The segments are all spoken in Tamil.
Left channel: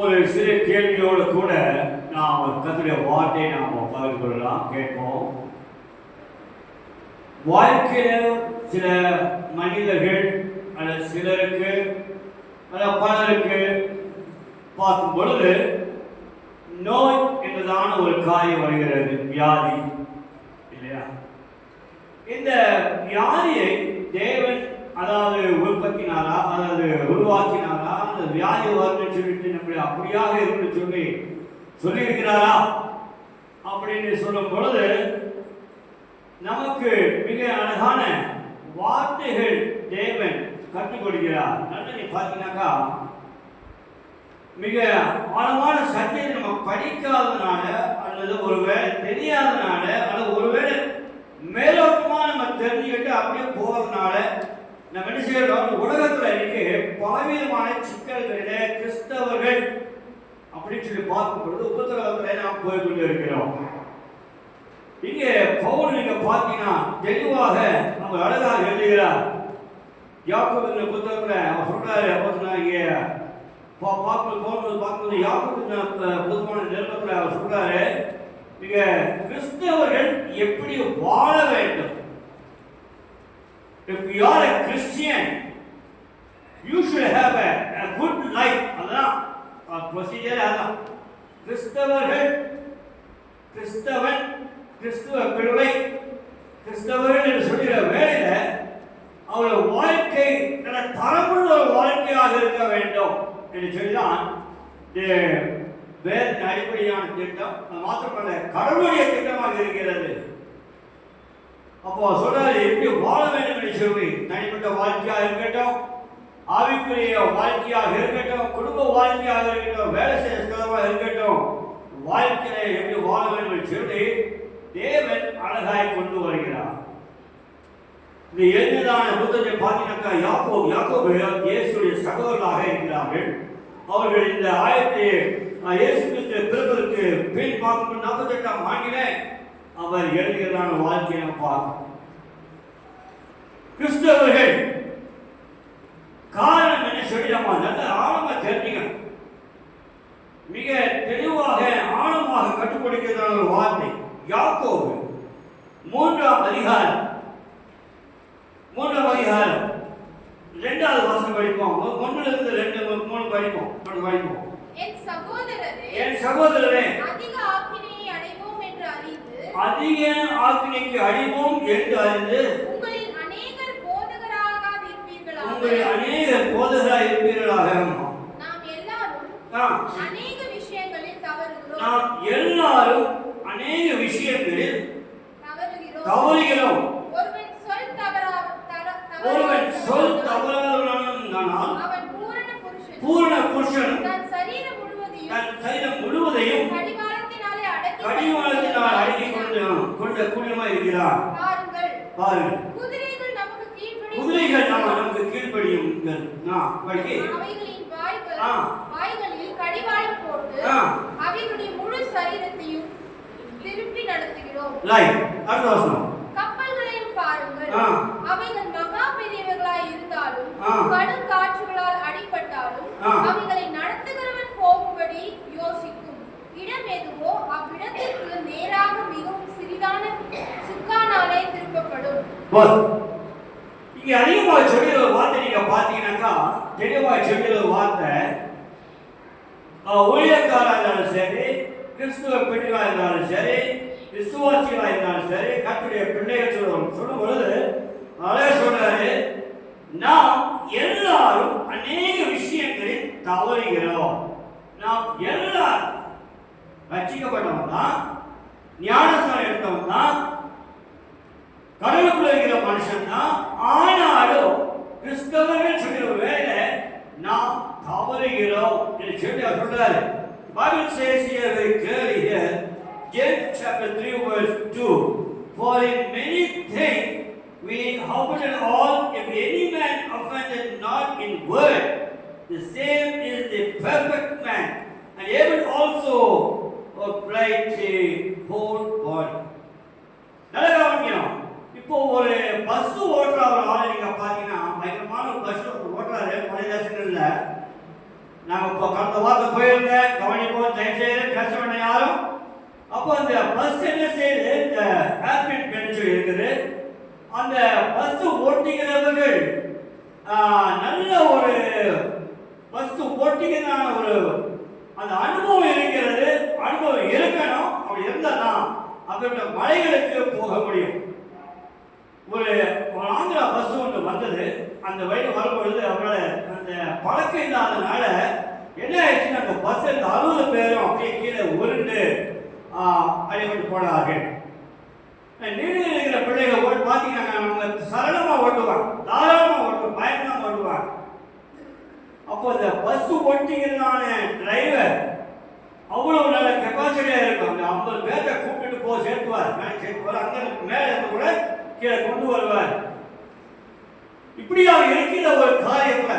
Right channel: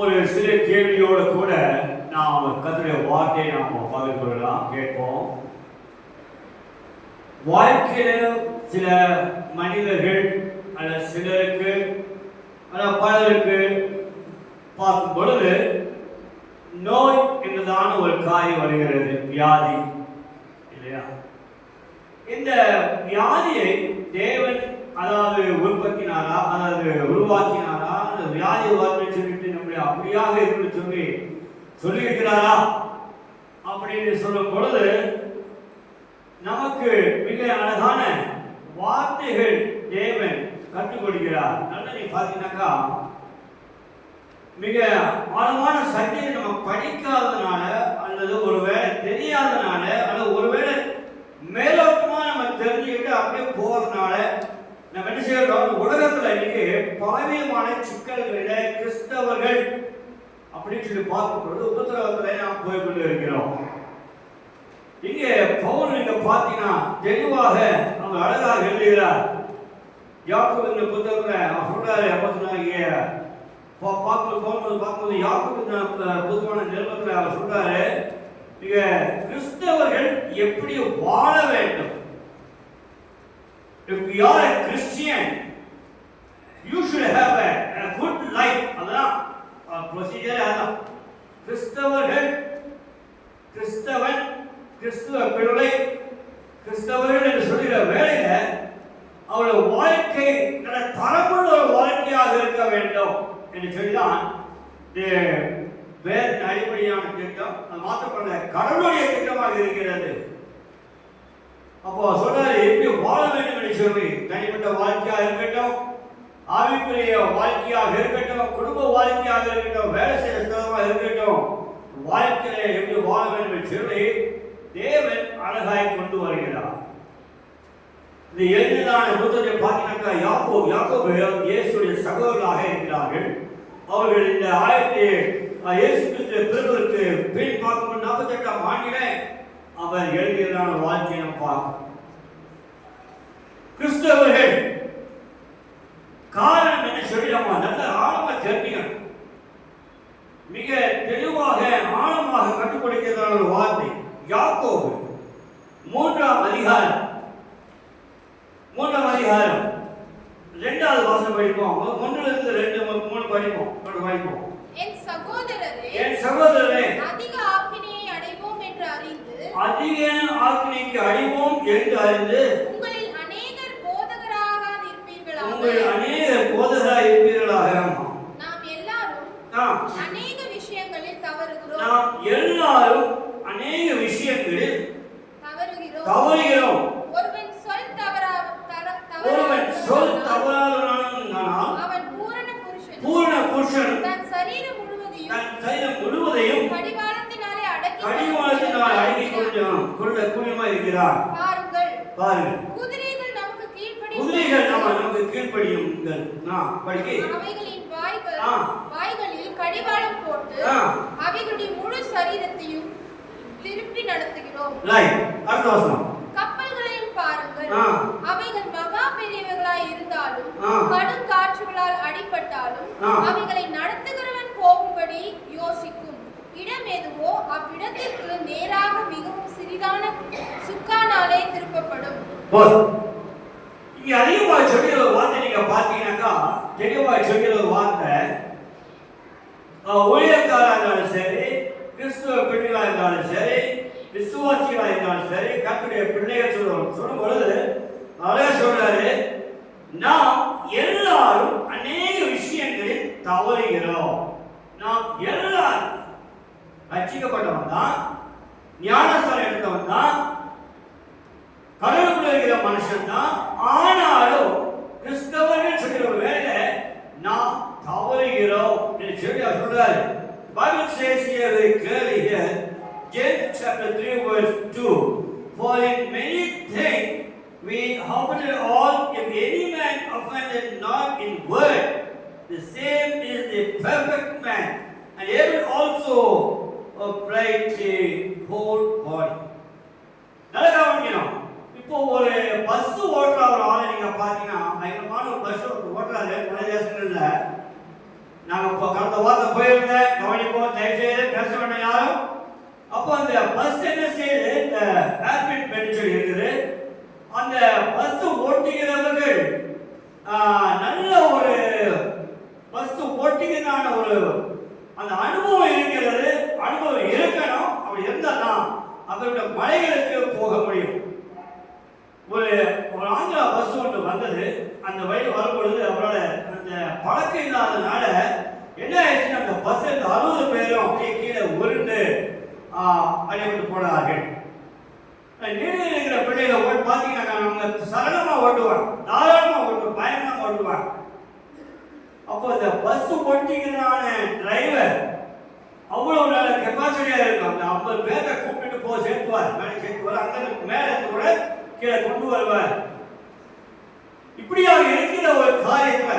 ஒரு சிறு கேள்வியோடு கூட நாம் கர்த்தருடைய வார்த்தையை நாம் பகிர்ந்து கொள்ளலாம், கேட்போம். வாழ்க்கையில சில மனிதர்கள் அல்ல சிலருக்கு அல்ல பலருக்கு பார்க்கும் பொழுது நோய் என்றதான ஒரு காரியம் வருகிறது, வியாதி இல்லையா? இந்த வியாதியை தேவன் அதாவது உற்பத்தினாரா அதாவது உருவாக்கினாரா, அந்த வியாதி வரும்னு சொல்லிட்டு நம்மளை அப்படியாக இருக்குன்னு சொல்லியிருக்கிறாரா அப்படின்னு சொல்லும் பொழுது நமக்கு மிக அழகான வார்த்தைகள் தேவன் கற்றுக் கொடுக்கிறார். நீ பார்த்தீங்கன்னாக்கா மிக ஆழமான சத்தியத்தை நம்ம படிக்காததுனால அல்லது ஒருவேளை தெரியாததுனால அல்லது ஒருவேளை மேலோட்டமா நம்ம தெரிஞ்சுக்கிட்டு அப்படியே போறதுனால நம்ம என்ன செய்யறோம், உலகத்துல இன்னைக்கு பலவிதமான சிக்கல்கள கிறிஸ்தவர்கள் அப்படின்னு சொல்லி பார்க்கும் பொழுது உபத்திரவத்துல நாம் போய்கொண்டு இருக்கிறோம். இங்கே பவுல் நீங்க பார்த்தீங்கன்னா தெளிவாக அவங்க அழகாக எழுதுகிறார். யாக்கோபு புத்தகத்துல அவர் சொல்றாரு, பார்க்கும்போது யாக்கோபு புதுமான நிருபத்துல அவர் சொல்றாரு, மிக கிறிஸ்தவர்கள் எப்படி வாழ வேண்டும். If you are a Christian, you should have a good life. அதான் ப்ரொசீஜர். அதான் கிறிஸ்தவர்கள், கிறிஸ்தவன், கிறிஸ்துவ பிள்ளை, கிறிஸ்தவர்கள் என்று சொல்கிற வேளையில அவருடைய வாழ்க்கை தரமுள்ள ஒரு வாழ்க்கையாக இருக்க வேண்டும் என்று சொல்லிதான் வேதத்தின் அடிப்படையான திட்டம். அது மாற்றப்பட்ட கடவுளுடைய திட்டமாக இருக்கிறது. அப்போ சொல்றாரு எப்படி வாழ வேண்டும் என்று சொல்லி, தனிப்பட்ட வாழ்க்கையாக இருக்கட்டும், ஆவிக்குரிய வாழ்க்கையாக இருக்கட்டும், குடும்ப வாழ்க்கையாக இருக்கட்டும், வேலை செய்ய ஸ்தலமாக இருக்கட்டும், வாழ்க்கையில எப்படி வாழ வேண்டும் என்று சொல்லி தேவன் அழகாய் கொண்டு வருகிறார். இந்த எழுதியதான புத்தகத்தை பார்த்தீங்கன்னாக்கா யாக்கோபு இயேசுடைய சகோதரர்களாக இருக்கிறார்கள். அவர்கள் இந்த இயேசு கிறிஸ்து பிறப்பதற்கு பின் பார்க்கும் 48ஆம் ஆண்டிலே அவர் எழுதியதான வாழ்க்கையை நாம் பார்க்கிறோம். கிறிஸ்தவர்கள் காரணம் என்ன சொல்லி நம்ம நல்ல ஆழமா தெரிஞ்சுக்கணும். மிக தெளிவாக ஆழமாக கற்றுக் கொடுக்கிறதான ஒரு வார்த்தை யாக்கோபு 3ஆம் அதிகாரம் 2வது வசனம் படிப்போம். 1லிருந்து 2 3 படிப்போம். என் சகோதரரே, அதிக ஆக்கினையை அடைவோம் என்று அறிந்து உங்களில் அநேகர் போதகராக இருப்பீர்களாக. நாம் எல்லாரும் அநேக விஷயங்களில் தவறுகிறோம். ஒருவன் சொல் தவறாதவனானால் அவன் பூரண புருஷன், தன் சரீரம் முழுவதையும் கடிவாளத்தினாலே அடக்கிக் கொண்ட கூலியமாய் இருக்கிறான். பாருங்கள், குதிரைகள் நமக்கு கீழ்ப்படியும். அவைகளின் வாய்களில் கடிவாளம் போட்டு அவைகளுடைய முழு சரீரத்தையும் திருப்பி நடத்துகிறோம். கப்பல்களையும் பாருங்கள், அவைகள் மகா பெரியவர்களாய் இருந்தாலும் கடும் காற்றுகளால் அடிபட்டாலும் அவைகளை நடத்துகிறவன் போகும்படி யோசிக்கும் இடம் எதுவோ அவ்விடத்திற்கு நேராக மிகவும் சிறிதான சுக்கானாலே திருப்பப்படும். இங்க அதிகமாக சொல்லிற ஒரு வார்த்தை நீங்க பாத்தீங்கன்னாக்கா, தெளிவாக சொல்லிற ஒரு வார்த்தை ஊழியக்காரா இருந்தாலும் சரி, கிறிஸ்துவ பிள்ளைகளா இருந்தாலும் சரி, விசுவாசிகளா இருந்தாலும் சரி, கர்த்தருடைய பிள்ளைகள் சொல்லும் பொழுது அவரே சொல்றாரு, நாம் எல்லாரும் அநேக விஷயங்களில் தவறுகிறோம். நாம் எல்லாரும் ரட்சிக்கப்பட்டவன் தான், ஞானஸ்தானம் எடுத்தவன் தான், கடவுளுக்குள்ள இருக்கிற மனுஷன் தான். ஆனாலும் கிறிஸ்தவர்கள் சொல்கிற வேலை நாம் தவறுகிறோம் என்று சொல்லி அவர் சொல்றாரு. Bible says here very clearly here, James chapter 3 verse 2, for in many things we offended all. If any man offended not in word, the same is the perfect man, and able also of right the whole body. நல்லா கவனிக்கணும். இப்போ ஒரு பஸ் ஓட்டுற ஒரு ஆளை நீங்க பாத்தீங்கன்னா, பயங்கரமான ஒரு பஸ் ஓட்டுறாரு மலை தேசங்கள்ல. நாங்கள் இப்போ கடந்த வாரத்தை போயிருந்தேன், கவனிப்போம், தயவுசெய்து பேச வேண்டிய யாரும். அப்போ அந்த பஸ் என்ன செய்யுது, இந்த ஏர்பின் பென்ச் இருக்குது, அந்த பஸ் ஓட்டுகிறவர்கள் நல்ல ஒரு பஸ் ஓட்டுகிறதான ஒரு அந்த அனுபவம் இருக்கிறது, அனுபவம் இருக்கணும். அப்படி இருந்தால் தான் அவருடைய மலைகளுக்கு போக முடியும். ஒரு ஆந்திரா பஸ் ஒன்று வந்தது, அந்த வழியில் வரும்பொழுது அவரால் அந்த பழக்கம் இல்லாதனால என்ன ஆயிடுச்சுன்னா அந்த பஸ் இந்த 60 பேரும் அப்படியே கீழே உருண்டு அடிபட்டு போனார்கள். நீடில் இருக்கிற பிள்ளைகள் ஓட்டு பார்த்தீங்கன்னா அவங்க சரளமாக ஓட்டுவாங்க, தாராளமாக ஓட்டுவாங்க, பயங்கரமாக ஓட்டுவாங்க. அப்போ இந்த பஸ் ஓட்டிங்கிறதான டிரைவர் அவ்வளவு நல்ல கெப்பாசிட்டியாக இருக்கும். அந்த 50 பேரை கூப்பிட்டு சேர்த்துவார், மேலே சேர்த்துவார், அங்கே மேலே இருந்து கூட கீழே கொண்டு வருவார். இப்படியாக இருக்கிற ஒரு காரியத்துல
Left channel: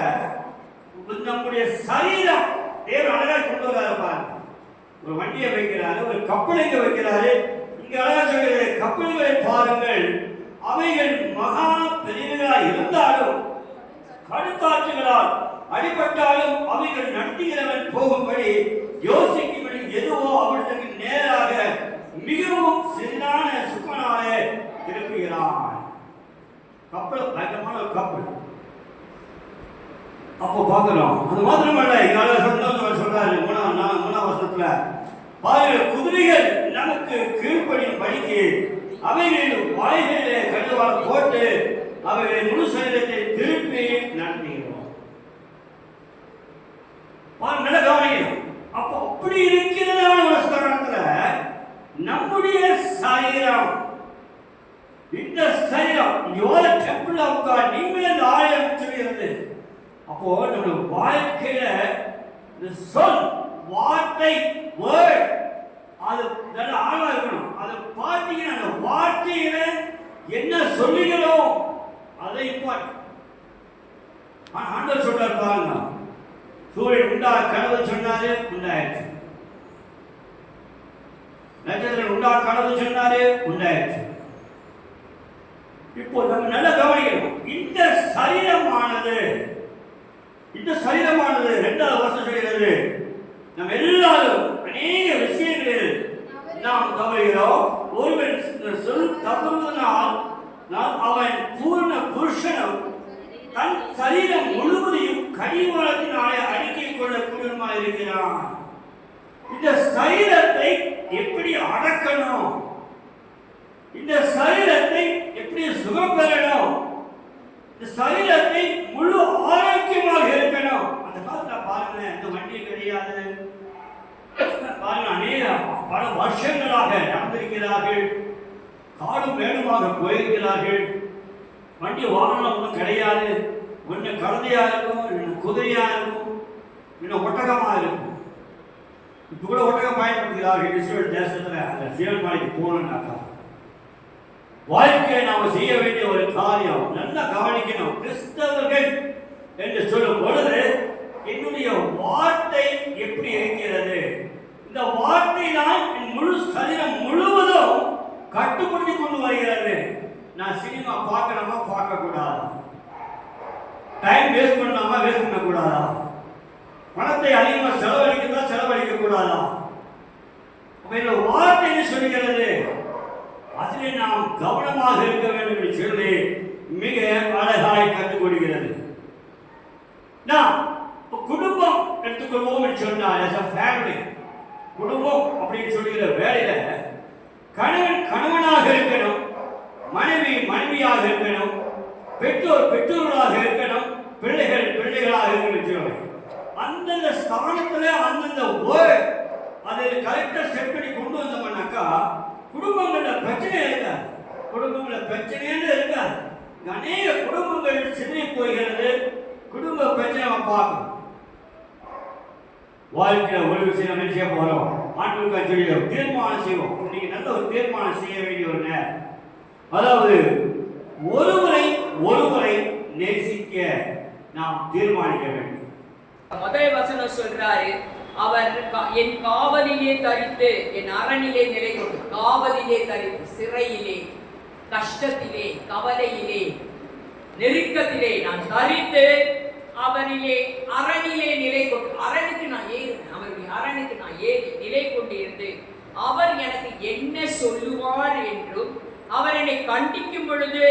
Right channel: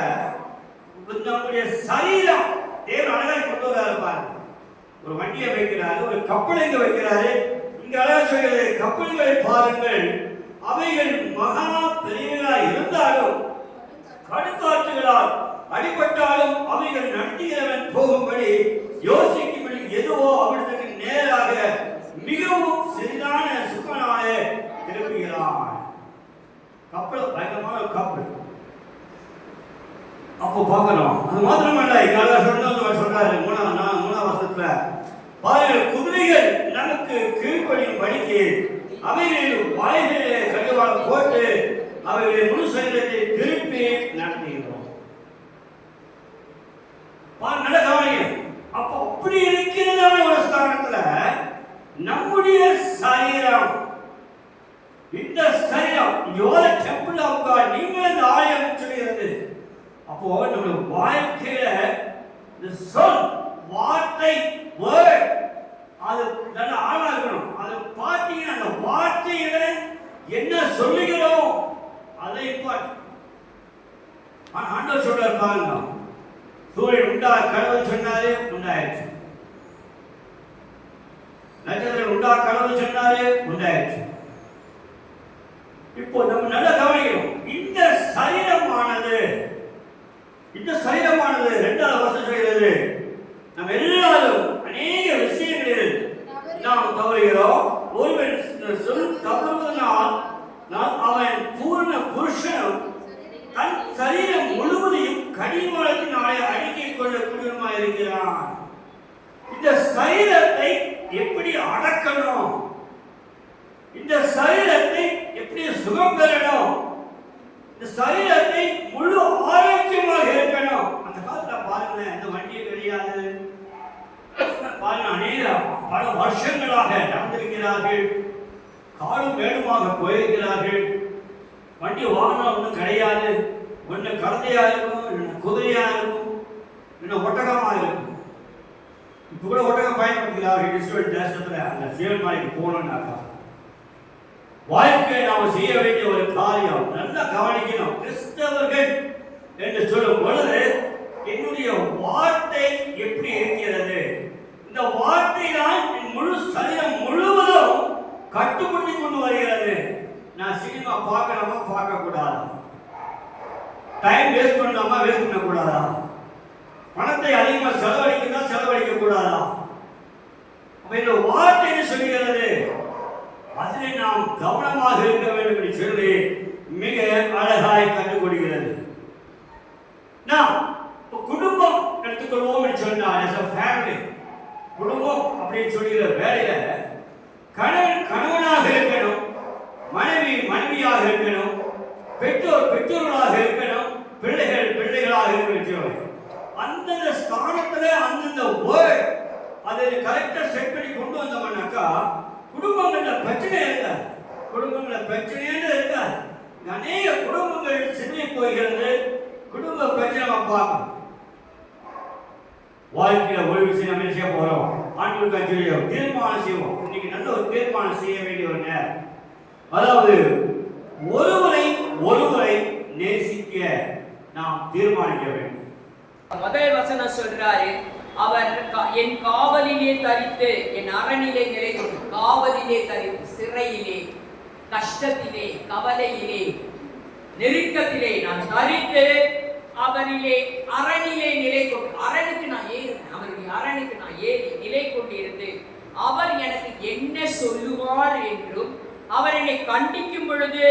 நம்முடைய சரீரம் தேவன் அழகாக கொண்டு வராரு. ஒரு வண்டியை வைக்கிறாரு, ஒரு கப்பலை வைக்கிறாரு. இங்க அழகா சொல்கிறது, கப்பல்களை பாருங்கள், அவைகள் மகா பெரியவர்களாக இருந்தாலும் கடுக்காற்றுகளால் அடிபட்டாலும் அவைகள் நடத்துகிறவன் போகும்படி யோசிக்கும்படி எதுவோ அவனுக்கு நேராக மிகவும் சிறிதான சுகனாலே திருப்புகிறான். கப்பல் பயங்கரமான ஒரு கப்பல். அப்போ பார்க்கணும். அது மாத்திரமல்ல, என்னால சொல்றாரு 3ஆம் வருஷத்துல பாருங்கள், குதிரைகள் நமக்கு கீழ்ப்படியும் படிக்கு அவைகளில் வாய்களிலே கட்டுவாள் போட்டு அவைகளை முழு சரீரத்தை திருப்பி நடத்துகிறோம். நல்ல கவனிக்கணும். அப்போ அப்படி இருக்கிறதான ஒரு ஸ்தானத்துல நம்முடைய சரீரம், இந்த சரீரம் யோர டெம்பிள் ஆஃப் காட், நீங்கள் இந்த ஆலயம் சொல்கிறது. அப்போ நம்முடைய வாழ்க்கையில இந்த சொல், வார்த்தை, வேர்ட் அது நல்ல ஆழமா இருக்கணும். அதை பார்த்தீங்கன்னா அந்த வார்த்தையில என்ன சொல்லுகிறோம் அதை ஆண்டவர் சொல்றாரு பாருங்க. சூரியன் உண்டா கடவுள் சொன்னாரு, உண்டாயிடுச்சு. நட்சத்திரம் உண்டா கடவுள் சொன்னாரு, உண்டாயிடுச்சு. இப்போ நம்ம நல்ல கவனிக்கணும். இந்த சரீரமானது 2வது வருஷம் சொல்கிறது, நம்ம எல்லாரும் அநேக விஷயங்களில் நாம் தவறுகிறோம். ஒருவன் சொல் தவறுவதனால் அவன் பூர்ண புருஷனும் தன் சரீரம் முழுவதையும் கடிவாளத்தினாலே அடுக்கிக் கொள்ளக்கூடியவனுமாக இருக்கிறான். இந்த சரீரத்தை எப்படி அடக்கணும், இந்த சரீரத்தை எப்படி சுகம் பெறணும், இந்த சரீரத்தை முழு ஆரோக்கியமாக இருக்கணும். அந்த காலத்துல பாருங்க, இந்த வண்டியை கிடையாது பாருங்க, அநேக பல வருஷங்களாக நடந்திருக்கிறார்கள், காடும் மேடுமாக போயிருக்கிறார்கள். வண்டி வாகனம் ஒன்றும் கிடையாது, ஒன்று கழுதையா இருக்கும், இன்னும் குதிரையா இருக்கும், இன்னும் ஒட்டகமா இருக்கும். இப்போ கூட ஒட்டகம் பயன்படுத்துகிறார்கள் இஸ்ரேல் தேசத்துல. அந்த சீவன் மலைக்கு போகணும்னாக்கா வாழ்க்கையை நாம் செய்ய வேண்டிய ஒரு காரியம் நல்லா கவனிக்கணும். கிறிஸ்தவர்கள் என்று சொல்லும் பொழுது என்னுடைய வார்த்தை எப்படி இருக்கிறது, இந்த வார்த்தை தான் என் முழு சரீரம் முழுவதும் கட்டுப்படுத்தி கொண்டு வருகிறது. நான் சினிமா பார்க்கணுமா, பார்க்க கூடாதா, டைம் வேஸ்ட் பண்ணாமா, வேஸ்ட் பண்ண கூடாதா, பணத்தை அதிகமாக செலவழிக்கிறதா, செலவழிக்க கூடாதா. அப்ப இந்த வார்த்தை என்ன சொல்கிறது, அதில் நாம் கவனமாக இருக்க வேண்டும் என்று சொல்லி மிக அழகாய் கற்றுக் கொடுக்கிறது. நாம் குடும்பம் எடுத்துக்கொள்வோம் என்று சொன்னால், as a family, குடும்பம் அப்படின்னு சொல்லுகிற வேலையில கணவன் கணவனாக இருக்கணும், மனைவி மனைவியாக இருக்கணும், பெற்றோர் பெற்றோர்களாக இருக்கணும், பிள்ளைகள் பிள்ளைகளாக இருக்கணும். அந்தந்த ஸ்தானத்துல அந்தந்த வேர்ட் அதை கரெக்டா செட் பண்ணி கொண்டு வந்தோம்னாக்கா குடும்பங்கள்ல பிரச்சனை இருக்காது, குடும்பங்கள பிரச்சனைன்னு இருக்காது. அநேக குடும்பங்கள் சிதறி போகிறது. குடும்ப பிரச்சனை பார்க்கணும். வாழ்க்கையில ஒரு விஷயம் நம்ம செய்ய போறோம், ஆண்டுகளுக்கு தெரியும், தீர்மானம் செய்வோம். இன்னைக்கு நல்ல ஒரு தீர்மானம் செய்ய வேண்டிய ஒரு நேரம். அதாவது ஒருவரை நேசிக்க நாம் தீர்மானிக்க வேண்டும். முதல் வசனம் சொல்றாரு, அவர் என் காவலிலே தரித்து என் அரணிலே நிலை கொண்டு, காவலிலே தரித்து, சிறையிலே, கஷ்டத்திலே, கவலையிலே, நெருக்கத்திலே நான் தரித்து அவரிலே அரணிலே நிலை கொண்டு, அரணுக்கு நான் ஏறினேன், அவருடைய அரணுக்கு நான் ஏறி நிலை கொண்டு இருந்து அவர் எனக்கு என்ன சொல்லுவார் என்றும் அவர் என்னை கண்டிக்கும் பொழுது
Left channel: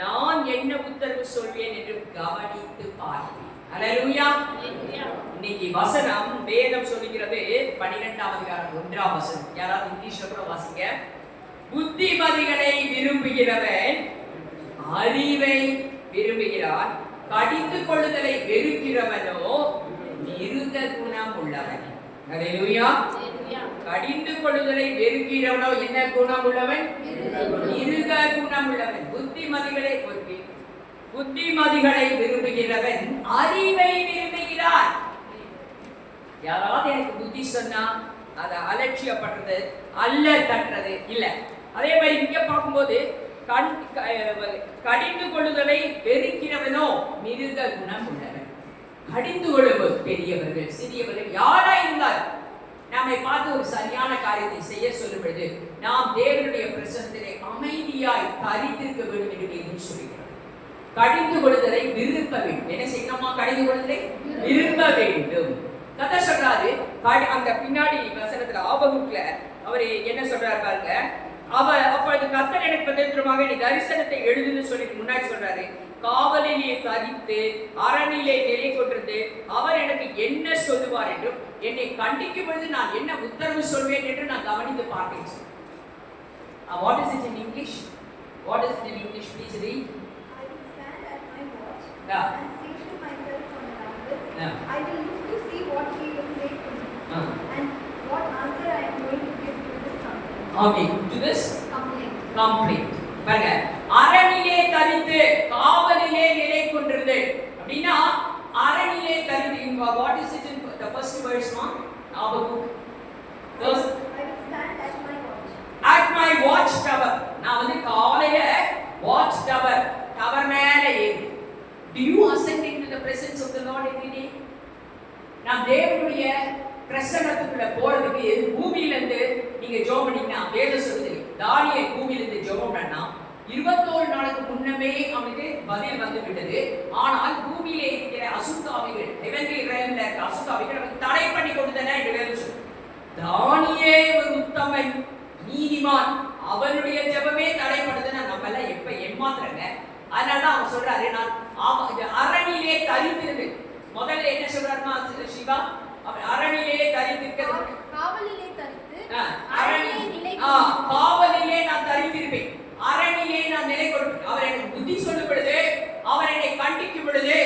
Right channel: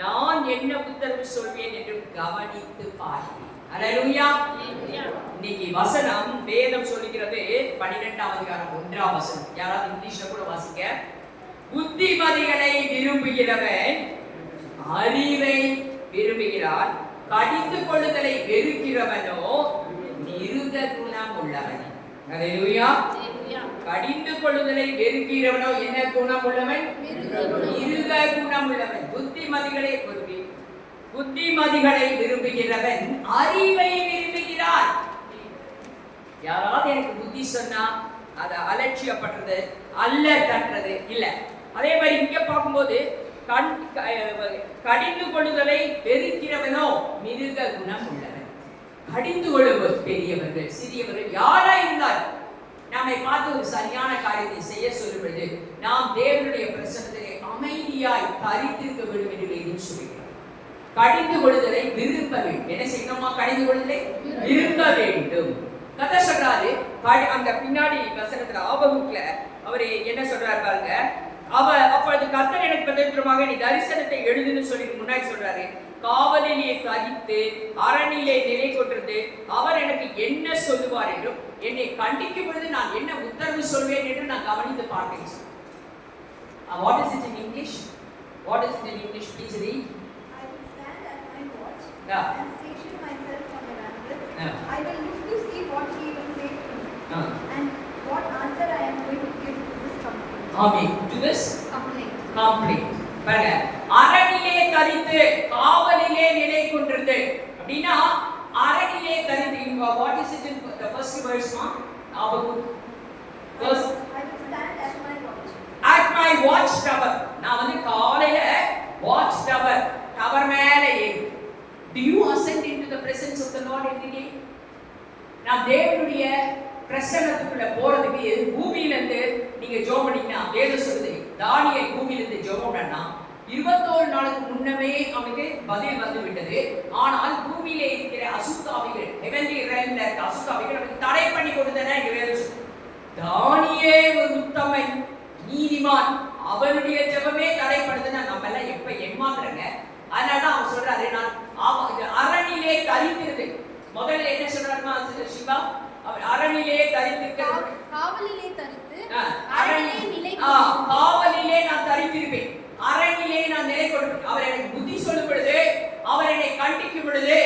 நான் என்ன உத்தரவு சொல்வேன் என்றும் கவனித்து பார்ப்பேன். அல்லேலூயா. இன்னைக்கு வசனம் வேதம் சொல்லுகிறது 12ஆம் அதிகாரம் 1ஆம் வசனம். யாராவது இங்கிலீஷ்ல கூட வாசிங்க. புத்திமதிகளை விரும்புகிறவன் அறிவை விரும்புகிறான், கடிந்து கொள்ளுதலை வெறுக்கிறவனோ மிருக குணம் உள்ளவன். அல்லேலூயா. கடிந்து கொள்ளுதலை வெறுக்கிறவனோ என்ன குணம் உள்ளவன்? மிருக குணம் உள்ளவன். புத்திமதிகளை விரும்புகிறவன் அறிவை விரும்புகிறான். யாராவது எனக்கு புத்தி சொன்னா அதை அலட்சியப்படுறது அல்ல தட்டுறது இல்ல. அதே மாதிரி இங்க பார்க்கும்போது கடிந்து கொள்ளுதலை வெறுக்கிறவனோ மிருக குணம் உள்ளவன். கடிந்து கொள்ளுவது பெரியவர்கள் சிறியவர்கள் யாரா இருந்தால் நம்மை பார்த்து ஒரு சரியான காரியத்தை செய்ய சொல்லும் பொழுது நாம் தேவனுடைய பிரசன்னத்திலே அமைதியாய் தரித்திருக்க வேண்டும் என்று வேதம் சொல்லுகிறது. கடிந்து கொள்ளுதலை விரும்ப வேண்டும். என்ன செய்யணுமா? கடிந்து கொள்ளுதலை விரும்ப வேண்டும். கதை சொல்றாரு. அந்த பின்னாடி வசனத்துல ஆபகுக்ல அவரு என்ன சொல்றாரு பாருங்க. அப்பொழுது கர்த்தர் எனக்கு பிரதித்திரமாக நீ தரிசனத்தை எழுதுன்னு சொல்லி முன்னாடி சொல்றாரு. காவலிலே தரித்து அரணிலே நிலை கொண்டிருந்து அவர் எனக்கு என்ன சொல்லுவார் என்றும் என்னை கண்டிக்கும் பொழுது நான் என்ன உத்தரவு சொல்வேன் என்று நான் கவனித்து பார்த்தேன். What is it in English? What is it in English? Please read. I will stand at my watch Yeah. and station myself on the rampart. Yeah. I will look to see what he will say to me and what answer I am going to give to this complaint. Okay, to this Complaint. பாருங்க. அரணிலே தரித்து காவலிலே நிலை கொண்டிருந்து அப்படினா அரணிலே தரித்து. What is it in the first verse? Habakuk. First, I will stand at my watch. At my watch tower. நான் வந்து காலையில watch tower மேல ஏறி. Do you ascend into the presence of the Lord every day? நாம் தேவனுடைய பிரசன்னத்துக்குள்ள போறதுக்கு பூமியில இருந்து நீங்க ஜெபம் பண்ணீங்கன்னா வேதம் சொல்லுது. தானியேல் பூமியில இருந்து ஜெபம் பண்ணா 21 நாளுக்கு முன்னமே அவனுக்கு பதில் வந்து விட்டது. ஆனால் பூமியிலே இருக்கிற அசுத்தாவிகள், ஹெவன்லி realmல இருக்க அசுத்தாவிகள் அவனுக்கு தடை பண்ணி கொடுத்தன என்று வேதம் சொல்லுது. தானியேல் ஒரு உத்தமன், நீதிமான், அவனுடைய ஜெபமே தடைப்படுதுன்னா நம்ம எல்லாம் எப்ப ஏமாத்துறங்க. அதனால அவன் சொல்றாரு, நான் அரணிலே தரித்திருந்தேன். முதல்ல என்ன சொல்றாருமா சிவா? அவன் அரணிலே தரித்திருக்கிறது. காவலிலே தரித்து காவலிலே நான் தரித்திருப்பேன், அரணிலே நான் நிலை கொடுப்பேன். அவர் எனக்கு புத்தி சொல்லும் பொழுது, அவர் என்னை கண்டிக்கும் பொழுது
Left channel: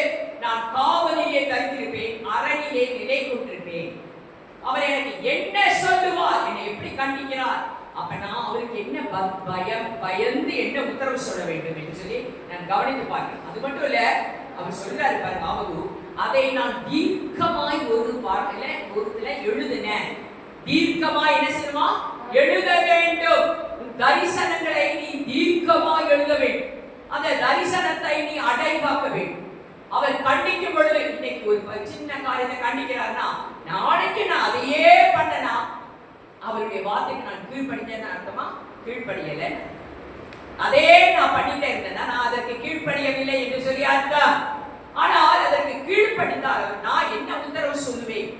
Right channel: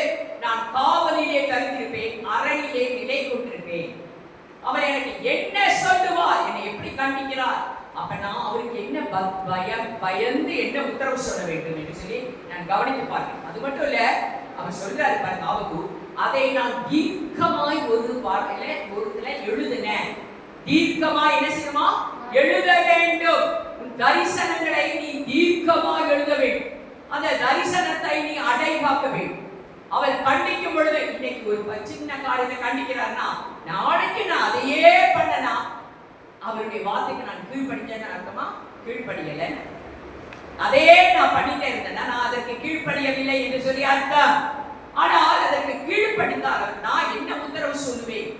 நான் காவலிலே தரித்திருப்பேன், அரணிலே நிலை கொண்டிருப்பேன். அவர் எனக்கு என்ன சொல்லுவார், என்னை எப்படி கண்டிக்கிறார், அப்ப நான் அவருக்கு என்ன பயந்து என்ன உத்தரவு சொல்ல வேண்டும் என்று சொல்லி நான் கவனித்து பார்க்கிறேன். அது மட்டும் இல்ல, அவர் சொல்றாரு பாருங்க, ஆபகு அதை நான் தீர்க்கமாய் ஒரு வார்த்தையில எழுதினேன். தீர்க்கமாய் என்ன செய்யணுமா? எழுத வேண்டும். உன் தரிசனங்களை நீ தீர்க்கமாய் எழுத வேண்டும். அந்த தரிசனத்தை நீ அடைவாக்க வேண்டும். அவர் கண்டிக்கும் பொழுது, இன்னைக்கு ஒரு சின்ன காரியத்தை கண்டிக்கிறார்னா நாளைக்கு நான் அதையே பண்ணனா அவருடைய வார்த்தைக்கு நான் கீழ்ப்படிஞ்சேன்னு அர்த்தமா? கீழ்ப்படியல. அதே நான் பண்ணிட்டே இருந்தேன்னா நான் அதற்கு கீழ்ப்படியவில்லை என்று சொல்லி அர்த்தம். ஆனால் அதற்கு கீழ்ப்படிந்தால் நான் என்ன உத்தரவு சொல்லுவேன்?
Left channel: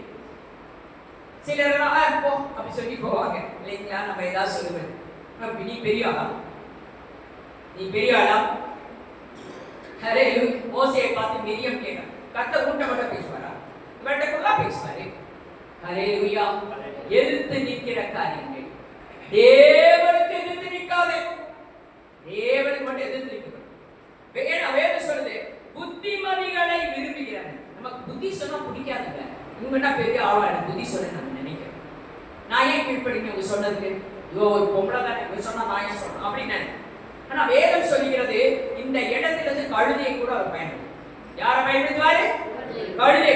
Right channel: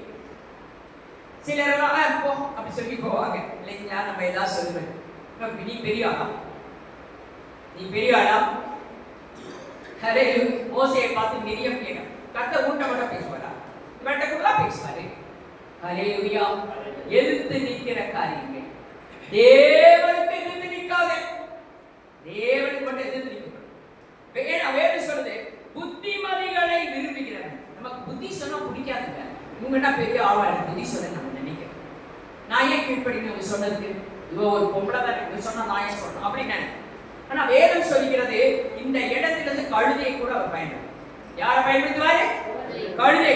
சிலர் போ அப்படி சொல்லி போவாங்க இல்லைங்களா? நம்ம ஏதாவது சொல்லுவேன், நீ பெரிய ஆளாம், நீ பெரிய ஆளாம். மோசையை பார்த்து மிரியம் கேட்க கத்த ஊட்ட மட்டும் பேசுவாரா? இவர்கிட்ட கூட பேசுவாரு. ஹல்லேலூயா. எதிர்த்து நிற்கிற காரியங்கள் தேவனுக்கு எதிர்த்து நிற்காதே, தேவனுக்கு மட்டும் எதிர்த்து நிற்கணும். வேதம் சொல்லுது, புத்திமதிகளை விரும்புகிறவன். நமக்கு புத்தி சொன்னா பிடிக்காதுங்க. இவங்கன்னா பெரிய ஆளா எனக்கு புத்தி சொல்ல நம்ம நினைக்கிறோம். நான் ஏன் கீழ்ப்படின்னு இவங்க சொன்னதுக்கு, இவ ஒரு பொம்பளை தானே, இவங்க சொன்னா நான் ஏன் சொல்றேன் அப்படின்னு. ஆனா வேதம் சொல்லுகிறது, இந்த இடத்திலிருந்து கழுதையை கூட அவர் பயன்படுத்தும். யாரை பயன்படுத்துவாரு? கழுதை.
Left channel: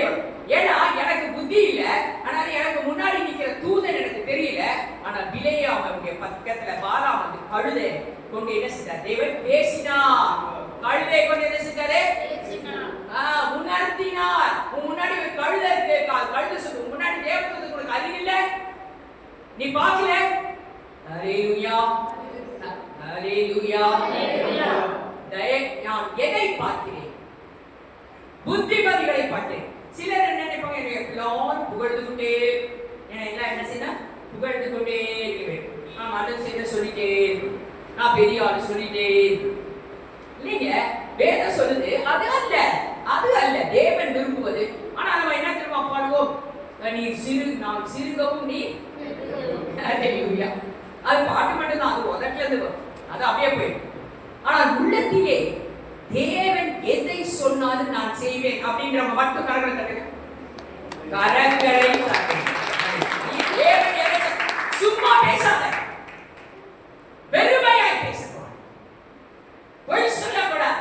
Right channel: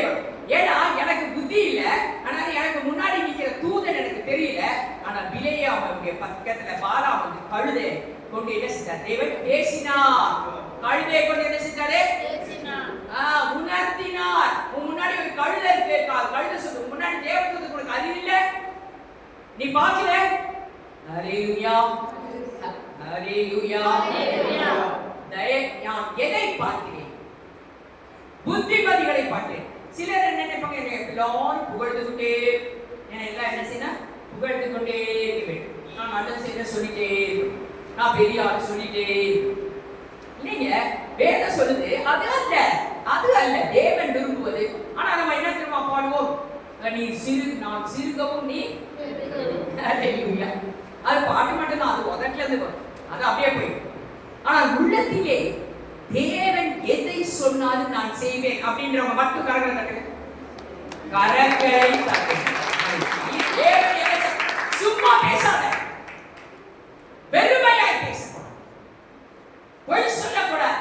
ஏன்னா எனக்கு புத்தி இல்ல, ஆனால் எனக்கு முன்னாடி நிக்கிற தூதன் எனக்கு தெரியல. ஆனா பிலேயா அவனுடைய பக்கத்துல பாலாம் வந்து கழுதை கொண்டு என்ன செஞ்சார்? தேவன் பேசினார். கழுதை கொண்டு என்ன செஞ்சாரு? உணர்த்தினார். உன் முன்னாடி ஒரு கழுதை இருக்கு, கழுதை சொல்லு, முன்னாடி தேவதூதன் உனக்கு அறிவு இல்ல, நீ பார்க்கல. ஹல்லேலூயா, ஹல்லேலூயா. நான் எதை பார்க்கிறேன்? புத்திமதிகளை பார்த்தேன். சிலர் என்ன நினைப்பாங்க, என்னை எல்லாரும் புகழ்ந்து கொண்டே, என்னை எல்லாம் என்ன செய்யணும், புகழ்ந்து கொண்டே இருக்க வேண்டும், நான் நல்லது செய்ய சொல்லிட்டே இருக்கணும், நான் பெரிய ஆள் சொல்லிட்டே இருக்கணும். இல்லைங்க, வேதம் சொல்லுது அது அல்ல, அது அல்ல தேவன் விரும்புவது. ஆனா நம்ம என்ன தெரியுமா பாடுவோம், நீ நான் சிறுகவும் நீ. அது பாட்டு மட்டும்தான், அது உதட்டில இருந்து வரும், அது அப்படியே போயிடும். ஆனால் உள்ளத்திலே தேவன் எதை சொன்னாலும் நான் செய்வேன் அப்படின்றவங்க மட்டும் கரங்களை தட்டுங்க, கரங்களை தட்டுங்க. தேவன் எதை சும்மா பேசாத, வெறுமையாய் பேசக்கூடாது, பொய் சொல்லக்கூடாது.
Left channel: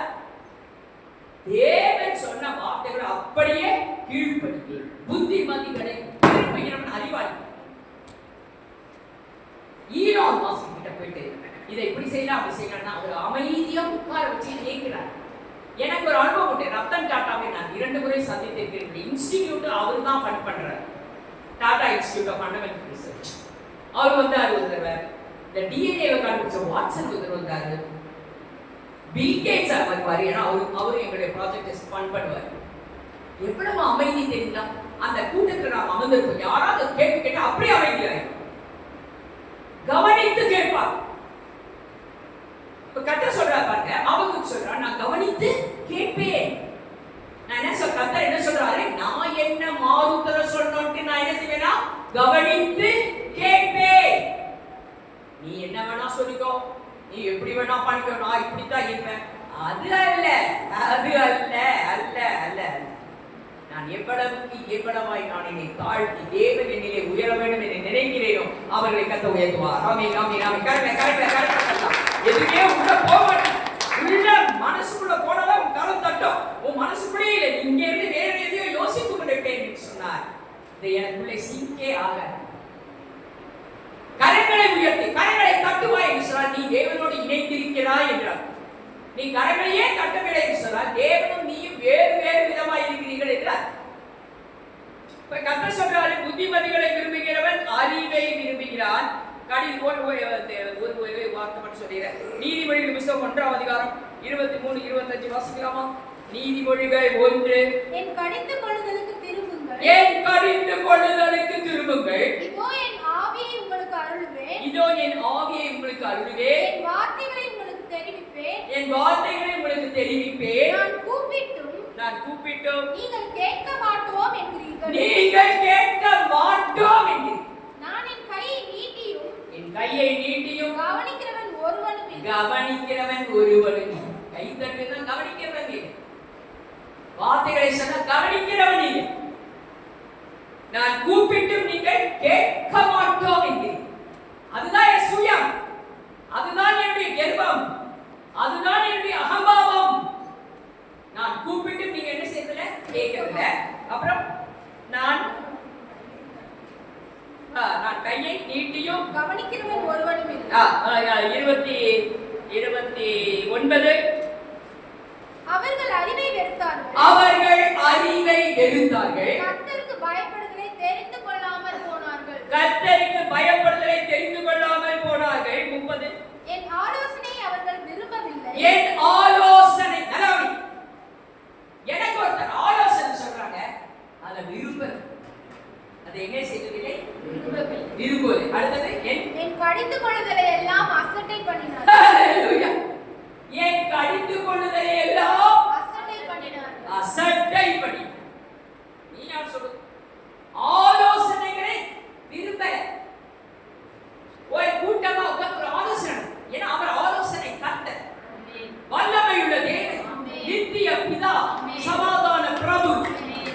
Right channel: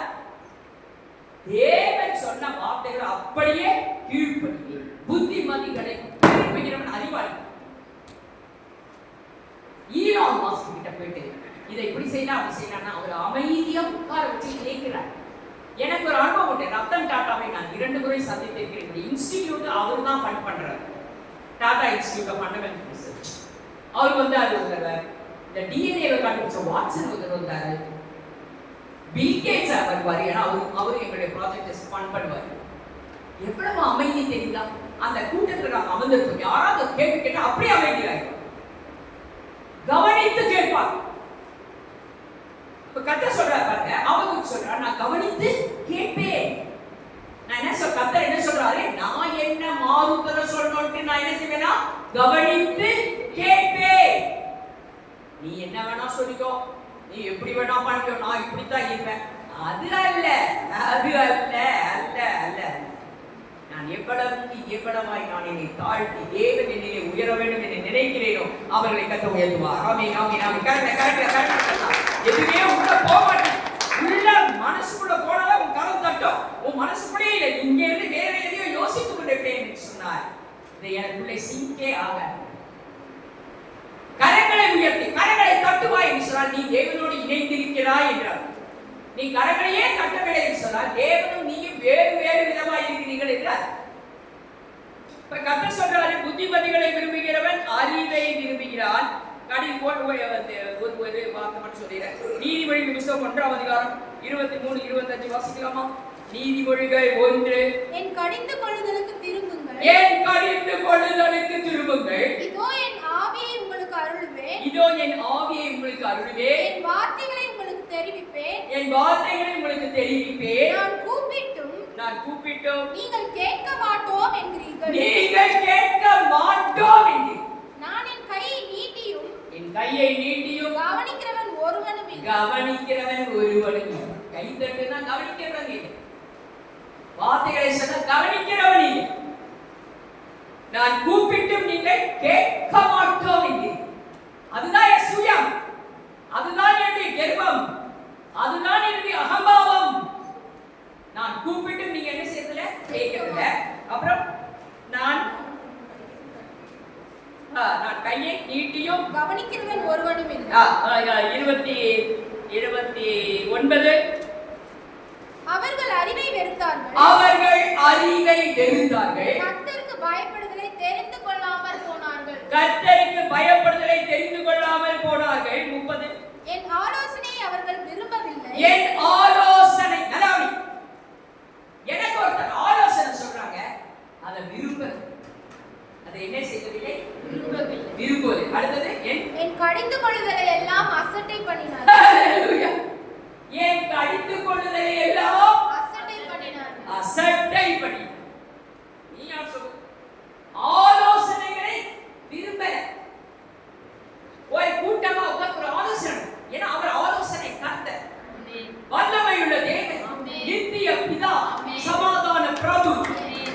தேவன் சொன்ன வார்த்தைகளை அப்படியே கீழ்ப்படியே புத்திமதிகளை கீழ்ப்படுகிறவன் அறிவாளி. ஈலான் மாஸ்க் கிட்ட போயிட்டு இதை இப்படி செய்யலாம் அப்படி செய்யலாம்னா அவர் அமைதியா உட்கார வச்சு கேட்கிறார். எனக்கு ஒரு அனுபவம் உண்டு. ரத்தன் டாட்டாவை நான் 2 முறை சந்தித்திருக்கிறேன். இன்ஸ்டிடியூட் அவர் தான் ஃபண்ட் பண்றாரு, Tata Institute of Fundamental Research. அவர் வந்தார் ஒரு தடவை, இந்த டிஎன்ஏவை கண்டுபிடிச்ச வாட்சன் ஒருத்தர் வந்தாரு, பில் கேட்ஸ் வருவார், ஏன்னா அவரு எங்களுடைய ப்ராஜெக்டை ஃபண்ட் பண்ணுவார். எவ்வளவு அமைதி தெரியுங்களா? அந்த கூட்டத்தில் நாங்கள் அமர்ந்திருப்போம், யாராவது கேள்வி கேட்டால் அப்படியே அமைதியாயிருக்கும், கவனித்து கேட்பார். கர்த்தர் சொல்றாரு பாருங்க, அவங்க சொல்றாரு நான் கவனித்து கேட்பேன். நான் என்ன சொல்ற, கர்த்தர் என்ன சொல்றாரு, நான் என்ன மாறுதல சொல்லணும்னு நான் என்ன செய்வேனா, கவனித்து கேட்பேன். நீ என்ன வேணா சொல்லிக்கோ, நீ எப்படி வேணா பண்ணிக்கோ, நான் இப்படித்தான் இருப்பேன். அது அல்ல, அது அல்ல, அல்ல அல்ல. நான் எவ்வளவுக்கு எவ்வளவாய் நான் என்னை தாழ்த்தி தேவன் என்னிலே உயர வேண்டும் என்று நினைக்கிறேனோ அவர்களை கத்த உயர்த்துவார். ஆமென் ஆமென் ஆமென். கரெக்டா எதுவே உள்ள போக மாட்டேன், உள்ள மனசுக்குள்ள போனதா உன் கரம் தட்டும், உன் மனசுக்குள்ளே இல்லை, இங்க இருந்து வேற எதையோ யோசித்துக் கொண்டிருப்பேன் என்று சொன்னார். இது எனக்குள்ளே சிங்கே ஆக. கரங்களை உயர்த்தி கரங்களை தட்டுவாய் என்று சொன்னார், நீ தேவனோடு இணைந்திருக்கிறாய் என்றார். நீ கரங்களையே தட்டவில்லை என்று சொன்னால் தேவனும் நீயும் வேறு வேறு விதமாய் இருக்கிறீர்கள் என்றார். இப்ப கர்த்தர் சொல்றாரு, புத்திமதிகளை விரும்புகிறவன் அறிவை விரும்புகிறான். ஒரு வார்த்தை மட்டும் சொல்லிடுறேன். நீதிமொழிகள் புத்தகம் 1ஆம் அதிகாரம் 23-25 வாசிக்கலாமா? நீதிமொழிகள் 1. என் கடிந்து கொள்ளுதலுக்கு திரும்புங்கள், என் கடிந்து கொள்ளுதலுக்கு திரும்புங்கள், இதோ என் ஆவியை உங்களுக்கு அருளுவேன், இதோ என் ஆவியை உங்களுக்கு அருளுவேன், என் வார்த்தைகளை உங்களுக்கு தெரிவிப்பேன், என் வார்த்தைகளை உங்களுக்கு தெரிவிப்பேன், நான் கூப்பிட்டும் நீங்கள் கேட்க மாட்டோம் என்கிறீர்கள், நீங்கள் கேட்க மாட்டோம் என்று. நான் என் கையை நீட்டியும் கவனிக்கிறவன் ஒருவனும் இல்லை. கை தட்டுனா கவனிக்கிறவன் இல்லை, வார்த்தைகளை சொன்ன கவனிக்கிறவன் இல்லை. நான் கூப்பிட்டும் நீங்கள் கேட்க மாட்டோம் என்கிறீர்கள். அதுதான் என் சுயம், அதுதான் என்னுடைய கர்வம், அதுதான் என்னுடைய அகம்பாவம். நான் கூப்பிட்டும் நீங்க என்ன செய்யறதில்ல, கேட்கறதில்ல. அப்புறம் நான் கையை நீட்டியும் கவனிக்கிறவன் ஒருவனும் இல்லை. 29 அவர்கள் அறிவை வெறுத்தார்கள், கர்த்தருக்கு பயப்படுதலை தெரிந்து கொள்ளாமல் போனார்கள். 30 என் ஆலோசனையை அவர்கள் விரும்பவில்லை, என் ஆலோசனை நலாவி. எனக்கு ஒருத்தர் ஆலோசனை சொல்றாங்க, அதை விரும்பல, அதை என்ன செய்வதில்லை, விரும்பவில்லை. அடுத்தது என் கடிந்து கொள்ளுதலை எல்லாம் அசட்டை பண்ணினார், என் கடிந்து கொள்ளுதலை எல்லாம் அசட்டை பண்ணி. நீ யார் சொல்லு, ஆலோசனைகளை விரும்பல. ஒரு கூட்டமா உட்கார்ந்து ஒரு ஆலோசனை, ஏன்னா அவர் ஆலோசனை கர்த்தர், வல்லமையுள்ள தேவன், நித்திய பிதா, சமாதான பிரபு.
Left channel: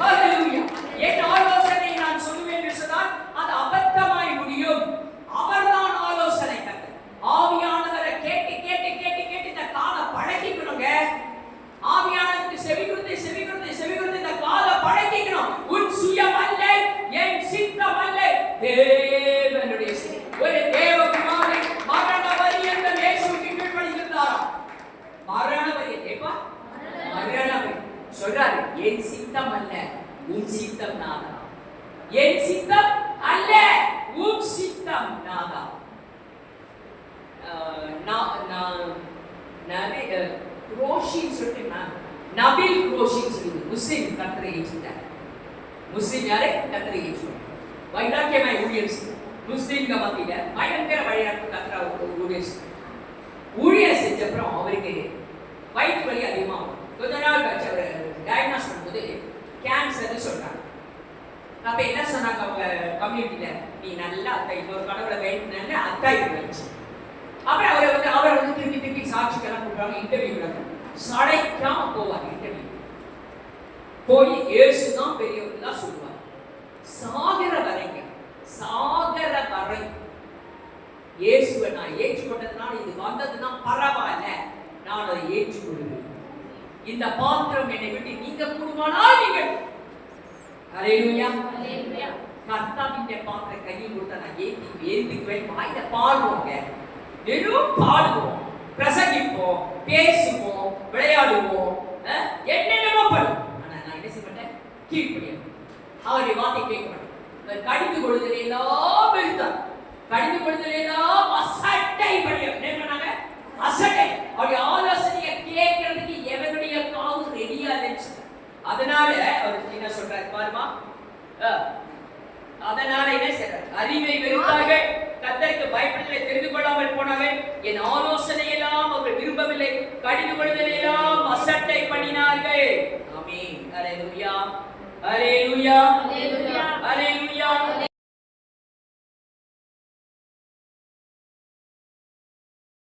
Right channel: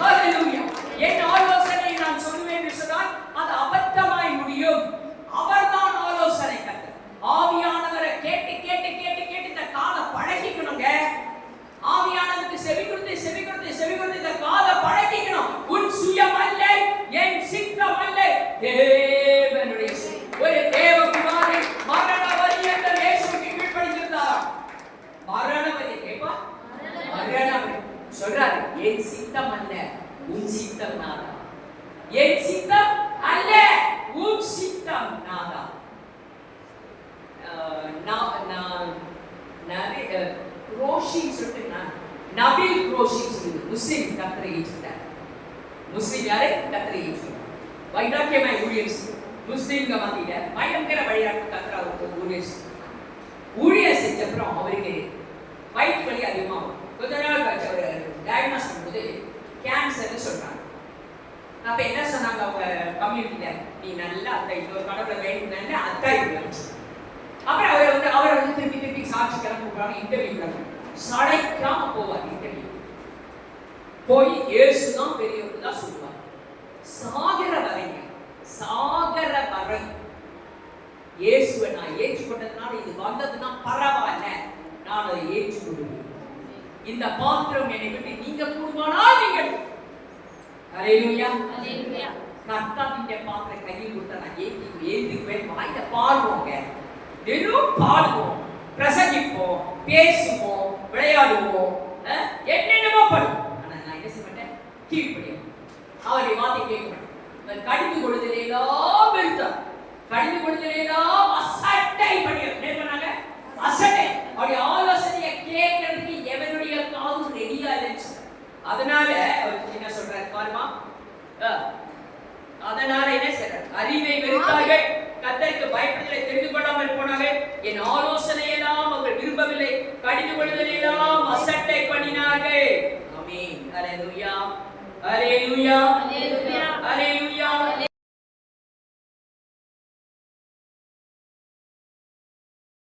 ஹல்லேலூயா. என் ஆலோசனை நான் சொல்லுவேன் என்று சொன்னால் அது அபத்தமாய் முடியும். அவர்தான் ஆலோசனை கர்த்தர். ஆவியானவரை கேட்டு கேட்டு கேட்டு கேட்டு இந்த காலை பழகிக்கணுங்க. ஆவியானவருக்கு செவி கொடுத்து இந்த காலை பழகிக்கணும். உன் சுயம் அல்ல, என் சித்தம் அல்ல, தேவனுடைய ஒரு தேவகுமாரன் மரண பரியந்தம் இயேசுவுக்கு கீழ்ப்படிந்திருந்தார். மரண பரியந்தம் சொல்றாரு, என் சித்தம் அல்ல, உன் சித்தம் நாதா. என் சித்தம் அல்ல, உன் சித்தம் நாதா. ரோஷின்னு சொல்லிட்டு நபில் குரோஷின்னு சொல்லுது முஸ்லிம் கர்த்தரை ஏற்றுட்டார். முஸ்லிம் யாரு? கர்த்தரை ஏற்றுட்டார். வைராக்கியமாய் ஊழியம் முஸ்லிம்க மத்தியில பயங்கர வழிகாட்டு கர்த்தரா ஊழியம் செஞ்ச அப்புறம் அவருக்கு வயிற்று வலி அதிகமாகும். கொஞ்ச நாள் கழிச்சு அவர் டயக்னோஸ் பண்ணும்போது கேன்சர்னு சொல்றாங்க. அப்ப என்ன சொன்னாங்க அவங்க கம்யூனிட்டியில, நீ நல்லா அத்தை இன்னொரு கடவுளை வேணும்னு அத்தாய் வந்துச்சு. அப்புறம் அவரை வந்து திருப்பி சாட்சிக்கெல்லாம் கூப்பிடுறாங்க, இன்டர்வியூ விடாங்க. சடைக்காம போவார் இன்டர்வியூ. போய் இயேசுதான் பெரியவங்க தான் சொல்லுவார். சாகர வரை இயேசுவை நான் ஏற்றுக்கொண்டதுனால இது வந்ததுன்னா பரவாயில்ல, நான் அதை ஏற்றுக்கொள்வேன். இந்த பாத்திரம் என்னை விட்டு நீங்க கூடுமானால் நீங்கள் ஹல்லேலூயா கர்த்தாவின் பாத்திரம் கையில் கொடுத்தா நான் ஏந்திக்குவேன். வாயில பாடுவோங்க, வெறும் பாடுவோம், பிரசங்கிப்போம், பேசுவோம், விளையாடுவோம், என்னென்னமோ பண்ணுவோம். ஆனா நான் என்ன செய்ய மாட்டேன், கீழ்ப்படியும். அவருடைய வார்த்தை கேட்க மாட்டேன். கடிந்து கொள்ளுதலெல்லாம் வெறுத்தார். கடிந்து கொள்ளுதலெல்லாம் அசட்டை பண்ணாங்க. அசட்டை. அவருடைய ஆலோசனையை கேட்கறதுக்கு எவனுடைய காது ரெடியா இல்லைன்னு. அதனால அவர் என்ன சொல்றாரு பாருமா, அதனால என்ன செய்றார், அறிவை வெறுத்தார்கள், கர்த்தருக்கு பயப்படுதலை தெரிந்து கொள்ளாமல் போனார்கள், என் ஆலோசனை எல்லாம் அவர்கள் விரும்பவில்லை, கடிந்து கொள்ளுதலெல்லாம் அசட்டை பண்ணினார்கள். ஆமென். ஹல்லேலூயா, ஹல்லேலூயா.